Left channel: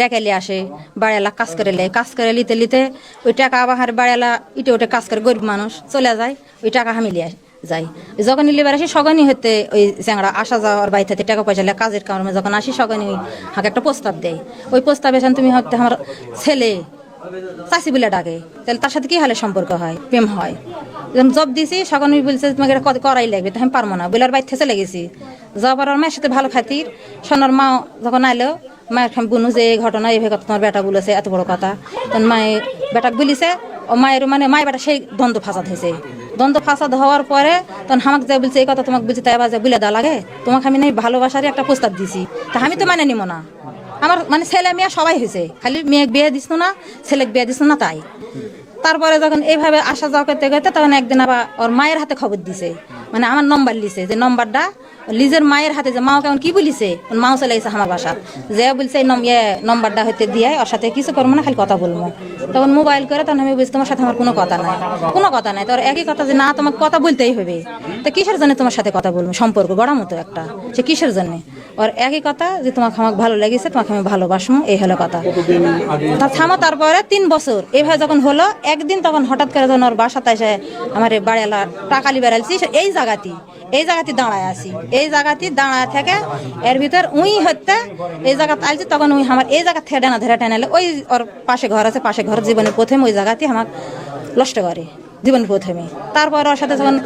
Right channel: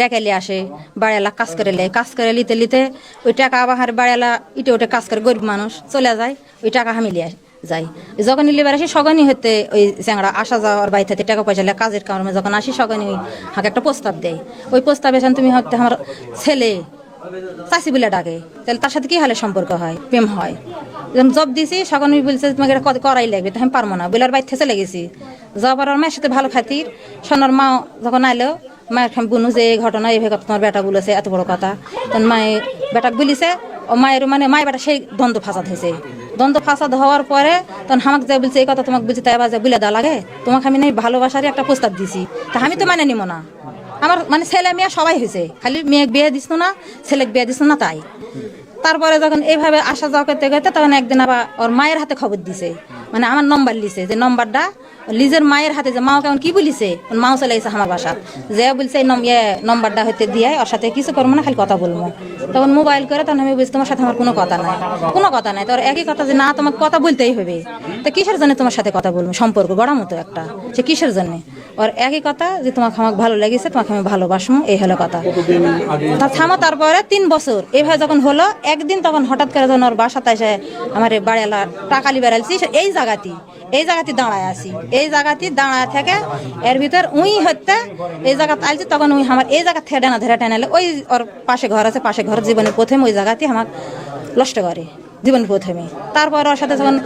ডেকালি আসে বাড়িওয়ালা কাজ করে লিতে লিতে ওই টাকা আবার বাড়িওয়ালা ইটে উঠে কাজ করে গরিব মানুষ চলে যায় ওই টাকা আমি লিয়ে যাই যখন লিবার আসি সকালই হতে ওই চ্যাংড়া আসা যাওয়ার বাড়ি থেকে টাকা পয়সা লাগে কাজের কারণে যখন আসি সকালই আমাকে একটা প্রস্তাব দেয় ওই প্রস্তাবে তুমি হয়তো আমার ছেলে চাষি বলে ডাকে তাহলে তার সাথে কি হলে সম্পর্ক হয় প্রেম হয় জব দিয়েছি সকাল বলছে তোমাকে এটা কত করাই লাগবে তখন পারবো না বেলার বাইর থেকে লেগেছি যাবার আর মায়ের সাথে ভালো খাতির সোনার মা যখন আইলো মায়ের বুনু যে এই ঘটনা এইভাবে কথা তোমার বেটা বলেছে এত বড় কথা তখন মায়ের বেটা বলিছে ও মায়ের মানে মায়ের বেটা সেই দ্বন্দ্ব ফাসাদ হয়েছে দ্বন্দ্ব ফাসাদ হওয়ার পরে তখন আমাকে যা বলছে এই কথা তোমাকে বুঝতে এবার বলে দেওয়া লাগে তোমাকে আমি নাই ভালোবাসারই একটা প্রস্তাব দিছি তা আমি তো মানে নিব না আমার মানে ছেলে মেয়ে সবাই হয়েছে খালি মেয়ে বিয়ে দিস না ছেলে বিয়ে দিস না তাই তারপরে যখন এইভাবে আসা যাওয়া করতে করতে তখন একদিন আবার ওর মায়ের হাতে খবর দিছে মানে আমার নম্বর লিছে যে নম্বরটা লিজের মায়ের হাতে যে মাও কেমন কি বলিছে মাও চলে এসে আমার বাসা যে বলছে এই নম্বরটা হতে দিয়ে ওর সাথে কিছু করবো না খালি কথা বলবো তখন মোবাইল করে তখন আমি বলছি তোমার সাথে আমার কোনো কথা নাই তোর একই কথা যে না তোমার কথা বলতেই হবে তো কিসের জন্য তোমার সাথে কথা বলবো সম্পর্ক বড় মতো একটা সে কিসের জন্য ওর একই কথা যে তোমাকে আমাকে ভালো লেগেছে তোমাকে আমি ভালোবাসবো এই হলো কথা থামো তারপরে 3 বছর এইভাবে যখন হলো একদিন তখন হঠাৎ করে যখন ওর বাসাতে এসে আমার বাড়িওয়ালা টাকালি বেড়াইছি এই জায়গাতে দাঁড়ায় আছি এই জায়গাতে দাঁড়ায় থেকে এর ভিতর উই হতে এই জায়গাতে আইছি তখন উই আমার এই জায়গা থেকে ডানা ধরে টেনালে ওই ওর পাশে ঘর আছে পাশে ঘর জীবনের প্রথমে ওই জায়গাতে আমার নষ্ট করে জীবন প্রথমে তারপর ওর সাথে যখন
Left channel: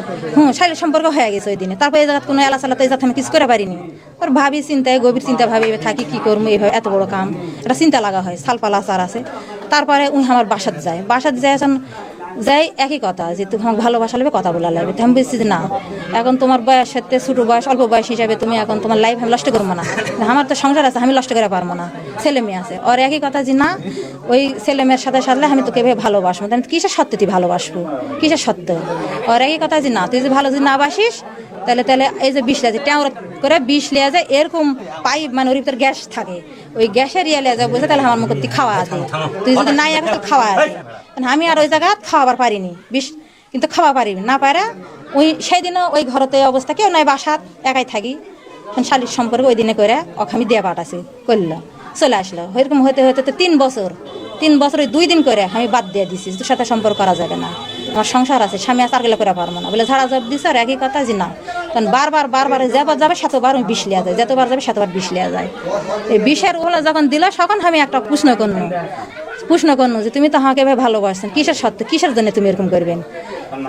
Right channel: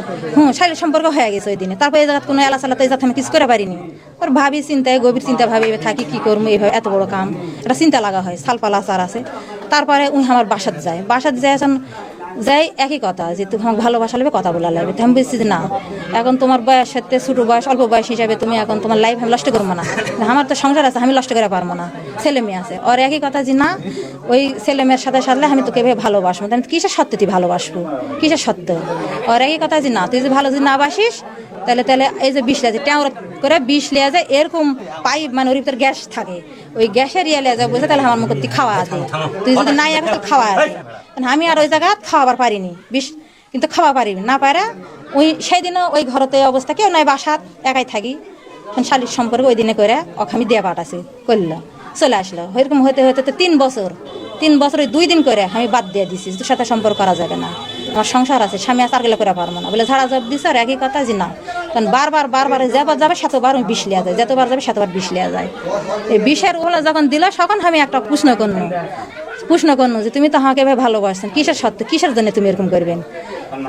শারীরিক সম্পর্ক হয়ে গেছে ওই দিনে তারপর এই জায়গা কোনো এলা চালাতে আমি কিছু করে পারিনি তোর ভাবি চিন্তায় গভীর চিন্তা ভাবি থাকি কি করবো এইভাবে এত বড় কাম একটা চিন্তা লাগা হয় সালপালা সার আছে তারপরে আমার বাসাত যায় এখন যাই একই কথা যে তুমি ভালোবাসা লাগবে কথা বলে যাবে তুমি বেশি না এখন তোমার বয়স সাথে ছোট বয়স অল্প বয়স হিসাবে তুমি এখন তোমার লাইফ আমি নষ্ট করবো না আমার তো সংসার আছে আমি নষ্ট করে পারবো না ছেলে মেয়ে আছে আর একই কথা যে না ওই ছেলে মেয়ের সাথে সাথে আমি তোকে ভালোবাসবো আমি কিসের সত্য তুই ভালোবাসবো কিসের সত্য আর একই কথা যে না তুই যদি ভালো যদি না বাসিস তাহলে এই যে 20 লিয়ে ট্যাঁর করে 20 লিয়ে যায় এরকম পাইপ মানে ওর ভিতর গ্যাস থাকে ওই গ্যাসের ইয়ে লিয়ে যায় বলছে তাহলে আমার মুখে তুই খাওয়া আছে তুই যদি নাই এখন তো খাওয়া আছে আমি আর ওই জায়গা খাওয়াবার পারিনি কিন্তু খাওয়া পারিনি না পারে ওই সেই দিনও ওই ঘরতে অবস্থা কেউ নয় বাসার একাই থাকি শারীরিক সম্পর্ক ওই দিনে করে ওকে আমি দিয়ে পাঠাছি চলে আসলো এরকম হতে হতে 3 বছর 2 দিন করে আমি বাদ দিয়ে দিচ্ছি তোর সাথে সম্পর্ক করা যাবে না আমার সংসার আছে স্বামী আসার গেলে করে পারবো না বলে ঝাড়া জব দিচ্ছে আর একই কথা যে না কারণ বারবার যাবে সাতবার 20 লিয়া যায় যতবার যাবে সাতবার 20 লিয়া যায় এই 20-এর হলে যখন দিল তখন আমি একটা প্রশ্ন করলো যে তুমি তো হাঁকে ভাই ভালোবাসছেন কিসের সত্য কিসের জন্য তুমি এরকম করবেন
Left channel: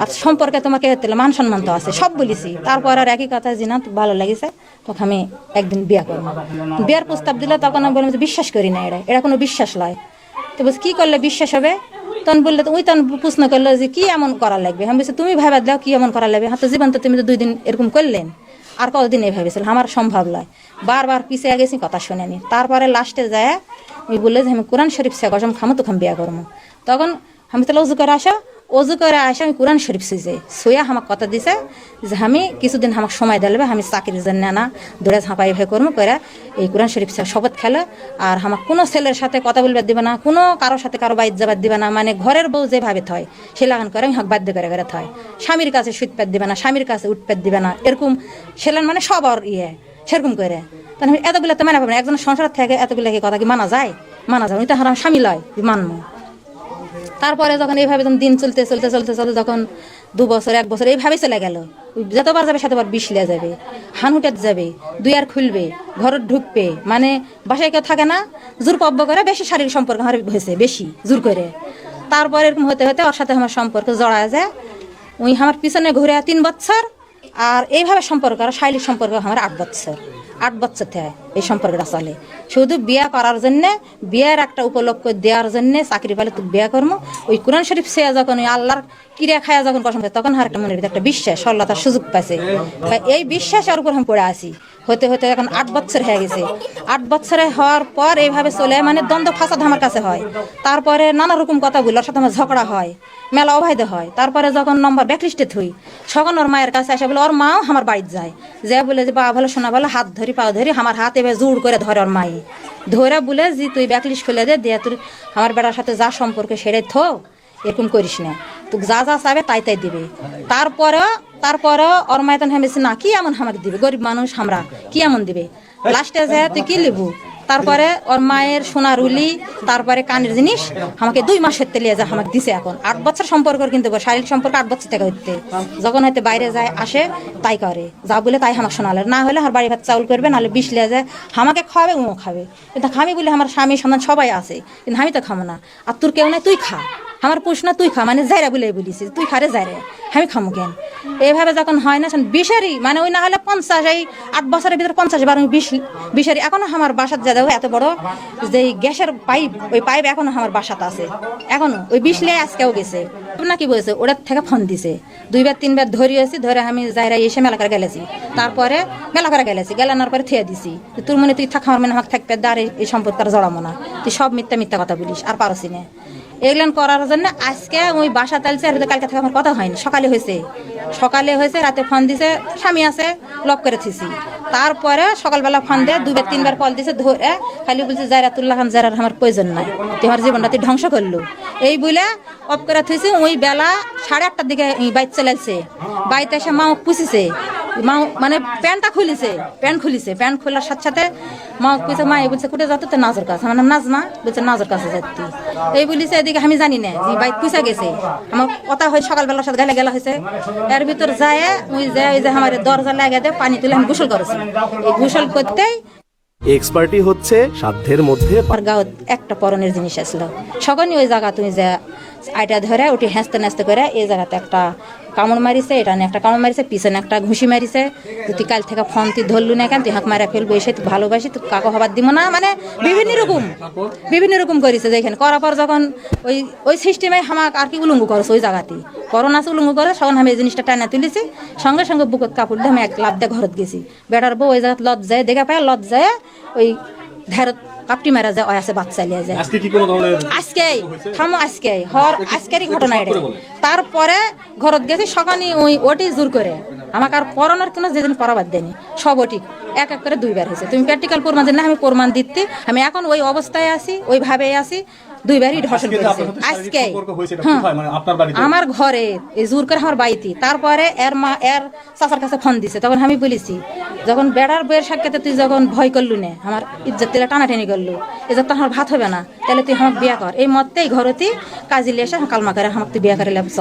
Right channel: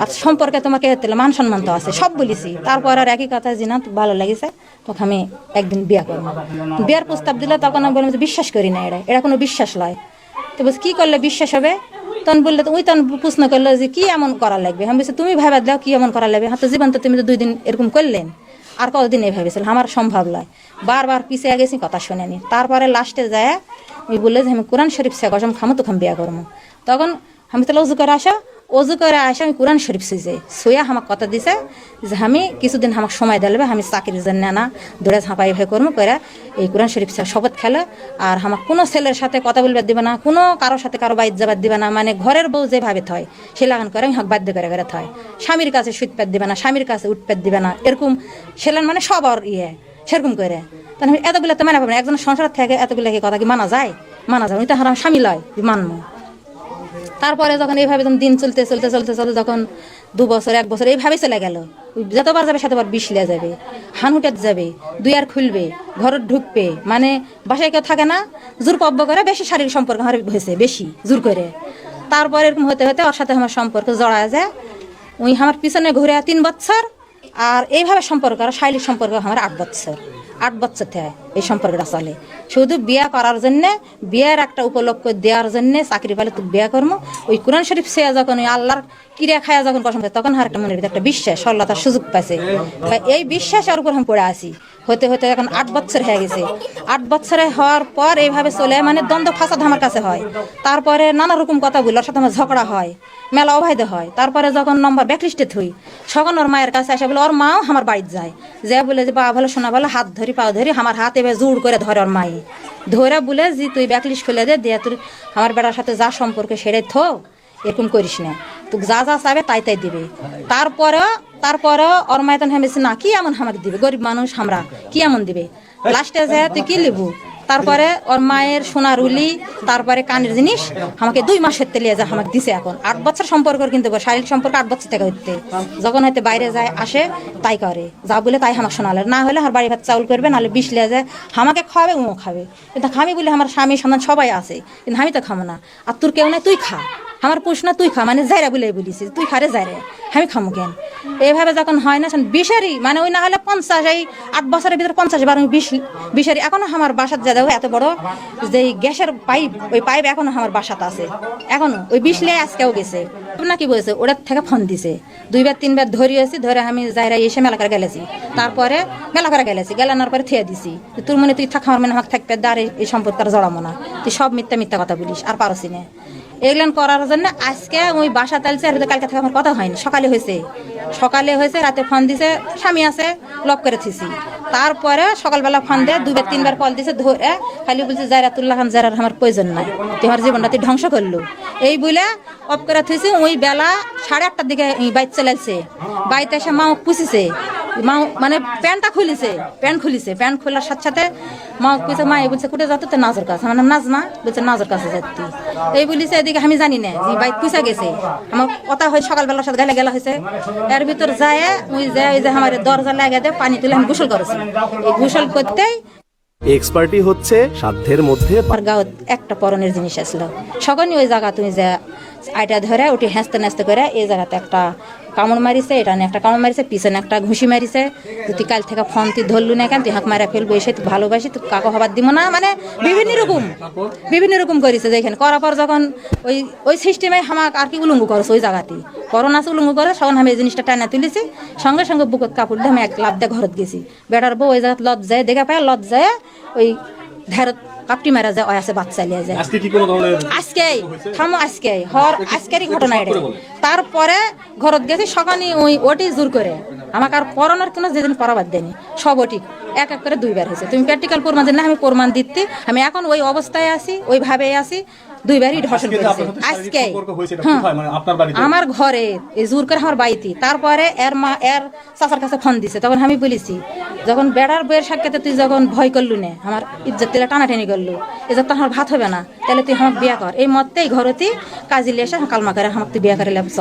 আর সম্পর্কে তোমাকে মান সম্মান তো আছে সব বলেছি তারপরে একই কথা যে না ভালো লেগেছে তখন আমি একদিন বিয়ে করবো বিয়ার প্রস্তাব দিলে তখন আমি বললাম বিশ্বাস করি না এটা কোনো বিশ্বাস নয় তো বলছি কি করলে বিশ্বাস হবে তখন বললে তো ওই তখন প্রশ্ন করলো যে কি এমন করা লাগবে আমি বলছি তুমি ভাবা দাও কি এমন করা লাগবে হয়তো জীবন তো তুমি তো 2 দিন এরকম করলেন আর কতদিন এইভাবে ছিল আমার সম্ভব নয় বারবার পিছিয়ে গেছি কথা শুনেনি তারপরে লাস্টে যায় আমি বললে যে আমি কোরআন শরীফ শেখাম খামো তখন বিয়ে করবো তখন আমি তাহলে উজু করে আসা আমি কোরআন শরীফ শিখছি সোয়া আমার কথা দিছে যে আমি কিছুদিন আমার সময় দিলে আমি চাকরির জন্য নাই দৌড়ে ঝাঁপাই এভাবে করবো করে এই কোরআন শরীফ শপথ খেলে আর আমার কোনো ছেলের সাথে কথা বলবার দিবে না কোনো কারোর সাথে কারো বাইর যাবার দিবে না মানে ঘরের বউ যেভাবে থয় সে লাগান করে বাধ্য করে থয় স্বামীর কাছে সুৎপাত দিবে না স্বামীর কাছে উৎপাত দিবে না এরকম ছেলের মানে সবার সেরকম করে তাহলে এতগুলো তো মানা করবে একজন সংসার থেকে এতগুলো কথা কি মানা যায় এটা আমার স্বামী নয় মানবো তারপরে যখন এইভাবে দিন চলতে যখন 2 বছর 1 বছর এইভাবে চলে গেল যতবার যাবে সেতবার 20 লিয়া যাবে হানুটাত যাবে 2 আর খুলবে ঘরে ঢুকবে মানে বাসায় কেউ থাকে না জোর কব্য করে বেশি শারীরিক সম্পর্ক হয়েছে বেশি জোর করে তারপরে এরকম হতে হতে ওর সাথে আমার সম্পর্ক জড়ায় যায় ওই আমার পিছনে ঘুরে 3 বছর আর এইভাবে সম্পর্ক শারীরিক সম্পর্ক আমার 8 বছর থেকে এই সম্পর্কটা চলে শুধু বিয়ে করার জন্য বিয়ের একটা উপলক্ষ দেওয়ার জন্য চাকরি পেলে তুই বিয়ে করবো ওই কোরআন শরীফ সে যখন ওই আল্লাহর কিরিয়া খায়া যখন পছন্দ তখন আর একটা মনের ভিতরে একটা বিশ্বাস আল্লাহ তার সুযোগ পাচ্ছে এই বিশ্বাসের উপর আমি পড়ে আসি হতে এখন 8 বছর হয়ে গেছে 8 বছরে হওয়ার পর এইভাবে চলে মানে দ্বন্দ্ব ফাসাদ আমার কাছে হয় তারপরে নানা রকম কথা বলি ওর সাথে আমার ঝগড়া হয় মেলা অবাধে হয় তারপরে যখন নম্বর ব্যাকলিস্টে থই তখন ওর মায়ের কাছে আসে বলে ওর মাও আমার বাড়িতে যায় যে বলে যে বাবা ভালো শোনা বলে হাত ধরি পাও ধরি আমার হাত এবার জোর করে ধরে ওর মাই ধরে বলে যে তুই ব্যাকলিস্ট খুলে দিয়ে তুই আমার বেটার সাথে যা সম্পর্কে সেরে থোক এরকম করিস না তুই যা চাবে তাই দিবে তারপরে ওর মায়ের ভেবেছে না কি এমন আমাকে দিবে গরিব মানুষ আমরা কি এমন দিবে লাস্টে যায় তুই কি লিবু তারপরে ওর মায়ের সোনা রুলি, তারপরে কানের জিনিস আমাকে 2 মাসের তেলে যা আমাকে দিছে। এখন 8 বছর সম্পর্ক, কিন্তু শারীরিক সম্পর্ক 8 বছর থেকে হচ্ছে। যখন হয়তো বাইরে যায় আসে তাই করে, যা বলে তাই আমার শোনালে, না হলে আমার বাড়ি ভাত চাউল করবে, নাহলে 20 লিয়ে যায় আমাকে খাওয়াবে, ও খাবে। এটা খামি বলে আমার স্বামী সন্তান সবাই আছে, কিন্তু আমি তো খাবো না। আর তোর কেউ নাই, তুই খা, আমার প্রশ্ন তুই খা, মানে যাইরা বলে বলিস তুই খারে যাইরে, আমি খামো কেন? এইভাবে যখন হয় না বিষারি, মানে ওই না হলে 50, এই 8 বছরের ভিতরে 50 বার আমি বিষারি। এখনো আমার বাসার যা দেখো এত বড় যে গ্যাসের পাইপ, ওই পাইপ এখনো আমার বাসাতে আছে, এখনো ওই 20 লিয়ে আজকেও গেছে। না কি বলছে, ওটার থেকে ফোন দিছে 2 বার 3 বার ধরিয়েছি, ধরে আমি যাইরা এসে মেলা করে গেলেছি, তারপরে মেলা করে গেলেছি, গেলানোর পরে থেয়ে দিছি। তোর মনে তুই থাক, আমার মনে আমাকে থাকবে দাঁড়ে, এই সম্পর্কের জড়াবো না, তুই সব মিথ্যা মিথ্যা কথা বলিস, আর পারছি না এগুলান করার জন্য। আজকে ওই বাসা তালছে, আর কালকে থেকে আমার কথা হয়নি, সকালে হয়েছে, রাতে ফোন দিছে, স্বামী আছে লক করে থিছি। তারপরে সকালবেলা ফোন দিয়ে 2 বার 3 বার কল দিছে, ধরে খালি বলছে জায়রাতুল্লাহ খান, যারার আমার প্রয়োজন নাই, তুই আমার জীবনটা তুই ধ্বংস করলো, এই বলে অফ করে থইছে। ওই বেলা 8:30টার দিকে বাইক চালাইছে, বাইতে এসে মা পুষিছে, মা মানে প্যান্টটা খুলিছে, প্যান্ট খোলার সাথে সাথে মা কইছে, মা বলছে কোটে যাতে তো নাজর কাছে, আমার নাম নাজমা, বলছে নাজর কাছে যাচ্ছি, এই বলিছে। এদিকে আমি জানি না যে বাইক পুষা গেছে, আমার কথা হয় সকালবেলার সাথে গেলা হয়েছে। এর ভিতর যায় ওই যে আমার দরজা লাগা দেয়, পানি তুলে আমি গোসল করেছি। এই গোসল করতেই এক্সপার্টি হচ্ছে সাধ্যের মধ্যে। একটা পরনের জিনিস আসলো, সকলই ওই জায়গা তুমি যে আইটা ধরে ওটি হাসতে নাচতে করে এই জায়গাতে একটা কামড় মারিছে, এটা নিয়ে একটা কামড় মারিছে, পিছনে একটা ঘুষি মারিছে। তুই কাল থেকে ফোন তুই ধরলু না কেন, তুই হাঁক মারা ফেলবো, এসে তুই ভালোবাসি, তুই কাকো হবার দিব না, মানে বিভিন্ন রকম করেছে। যেখানে করার পর যখন ওই সিস্টেমে আমাকে আর কি উলঙ্গ করেছে, ওই জায়গাটি করোনা উলঙ্গ করে, তখন আমি এই জিনিসটা টানা তুলেছে, সঙ্গে সঙ্গে বুকের কাপড় দিয়ে আমি 1 লাফ দিয়ে ঘরত গেছি। বেটার বউ ওই জায়গা লজ্জায় দেখে পায়, লজ্জায় ওই ধারত কাটি মেরে যায়, ওই আছে বাচ্চা নিয়ে যায়। আজকেরই ঘটনা এটা। তারপরে ঘরত গেছি, সকালে ওটি জোর করে আমাকে আর পড়ানোর কোনো যেদিন পড়াবার দেয়নি, সব ওটি এক করে 2 বার হয়েছে। তুমি প্র্যাকটিক্যাল প্রমাণ জানলে আমি প্রমাণ দিতে, আমি এখন ওই অবস্থায় আছি, ওইভাবেই আছি। 2 বারই ধর্ষণ করেছে আজকে, হ্যাঁ আমার ঘরে এই জোর করে আমার বাইকে। তারপরে এর মা এর চাচার কাছে ফোন দিছে, তখন আমি বলেছি, যখন বেড়ার বইয়ের সাক্ষাতে তুই যখন ভয় করলু না, আমার ইজ্জত তেলে টানাটানি করলো, যখন আমার ভাত হবে না, তাহলে তুই আমার বিয়ে কর। এই মতেই ঘরেতে কাজে লেসে হোটেল মাতারে হাঁটতে বিয়ে করে লাগছ,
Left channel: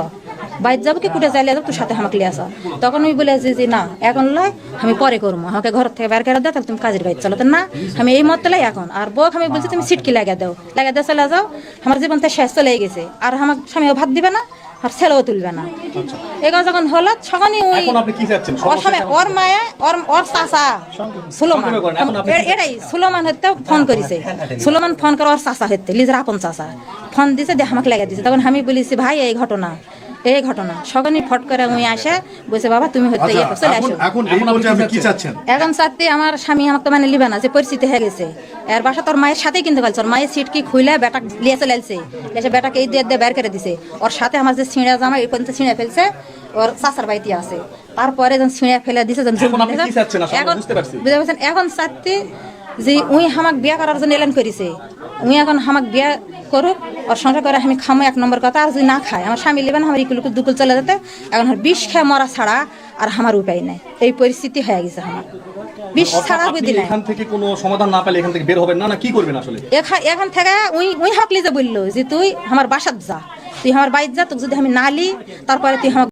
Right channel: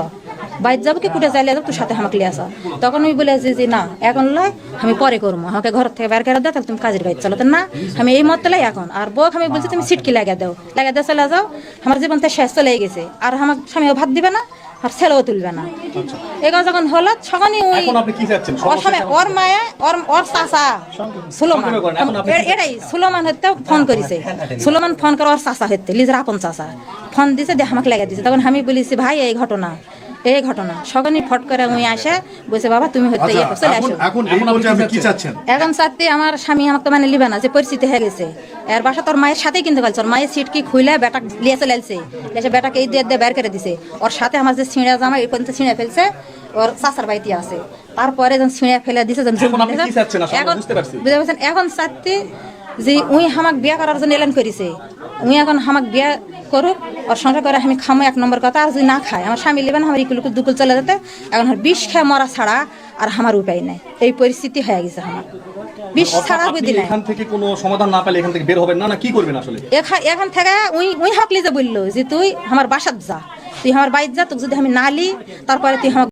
বাইর যাবি কি কুটে চাইলে তোর সাথে হাঁকলে আসা। তখন আমি বলেছি যে না এখন নয়, আমি পরে করবো, আমাকে ঘর থেকে বের করে দাও, তাহলে তুমি কাজের বাইর চালাতে না, আমি এই মত লাই এখন। আর বউ আমি বলছি তুমি সিটকি লাগিয়ে দাও চলে যাও, আমার জীবন তো শেষ চলে গেছে, আর আমার স্বামীও ভাত দিবে না, আর ছেলেও তুলবে না। এগুলো যখন হলো তখনই ওই ওর মায়া ওর চাচা সুলেমান, এটাই সুলেমান হতে ফোন করেছে, সুলেমান ফোন করে ওর চাচা হতে লিজার আপন চাচা ফোন দিছে, দিয়ে আমাকে লেগে দিছে। তখন আমি বলেছি ভাই এই ঘটনা সকালে ফট করে আমি আসে বলছে, বাবা তুমি হতে চলে আসো। এখন চাচ্ছি আমার স্বামী আমাকে মানে লিবে না, যে পরিস্থিতি হয়ে গেছে। এর বাসা তোর মায়ের সাথেই কিন্তু গেছে, ওর মায়ের সিটকি খুলে বেটা লিয়ে চলে আসছে, এসে বেটাকে এই দিয়ে বের করে দিছে। ওর সাথে আমার যে ছিঁড়া জামা এই পর্যন্ত ছিঁড়ে ফেলছে, ওর চাচার বাড়িতে আছে। তারপরে যখন ছিঁড়ে ফেলে দিছে, এখন বুঝতে পারছেন, এখন চাচ্ছি যে উই হামাক বিয়া করার জন্য এলান করেছে, উই এখন হামাক বিয়া করুক, আর সংসার করে আমি খামো 1 নম্বর কথা। আর যদি না খায় আমার স্বামী লেবেন, আমার এইগুলোকে দুটো চলে যেতে, আমি বিষ খায় মরা ছাড়াও আর আমার উপায় নেই, এই পরিস্থিতি হয়ে গেছে। এখন থেকে ওই হাকলি যে বললো যে তুই আমার বাসাত যা, তুই আমার বাইর যা, তোকে যদি আমি নালি তারপরে তুই